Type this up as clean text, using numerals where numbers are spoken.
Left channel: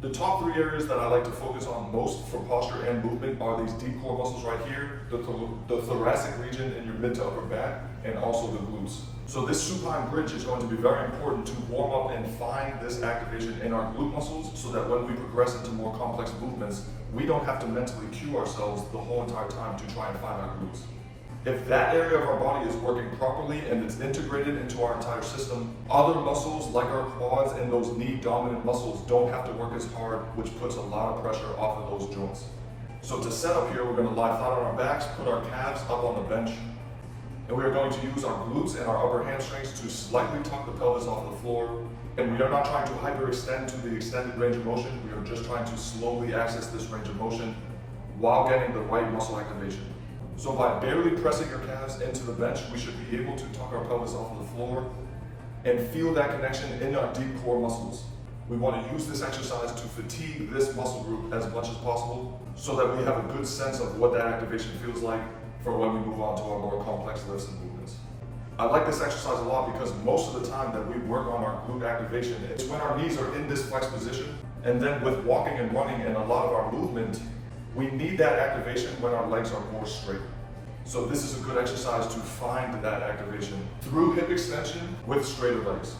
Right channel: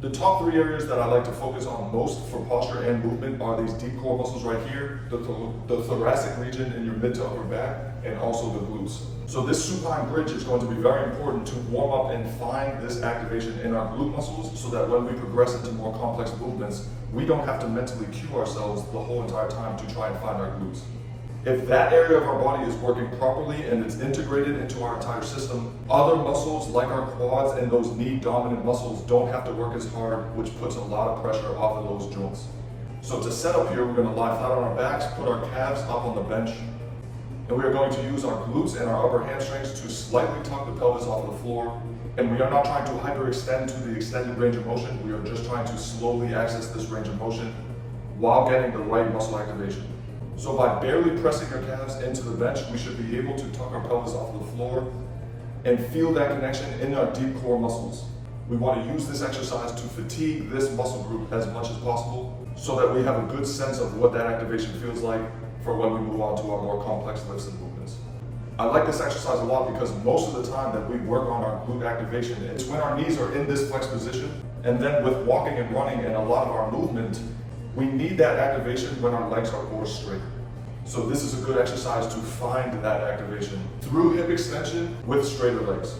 The top three areas that I like to focus on most for posture and movement are these deep core muscles right here, the thoracic region in your mid to upper back, and also the glutes. So this supine bridge is going to be very important to warm up and find this activation in our glute muscles so that when we progress into more complex movements, we don't have to mentally cue ourselves the whole entire time to try and find our glutes. If that area of our body is working properly and it's integrated into our entire system, other muscles like our quads and those knee dominant muscles don't have to work as hard, which puts a lot of pressure off of those joints. So to set up here, we're going to lie flat on our backs, put our calves up on the bench, and we are going to use our glutes and our upper hamstrings to slightly tuck the pelvis off the floor. And we are not trying to hyperextend to the extended range of motion. We are just trying to slowly access this range of motion while getting the right muscle activation. So by barely pressing our calves into the bench, we should be able to tuck our pelvis off the floor and feel that connection in our deep core muscles. We want to use this exercise to fatigue this muscle group as much as possible so that we have a good sense of what that activation feels like for when we move on to our more complex lifts and movements. I like this exercise a lot because most of the time that we work on our glute activation, it's when our knees are in this flex position, and then with walking and running and a lot of our movement, we need that activation when our legs are more straight. So this is a good exercise to find that activation through hip extension with straighter legs.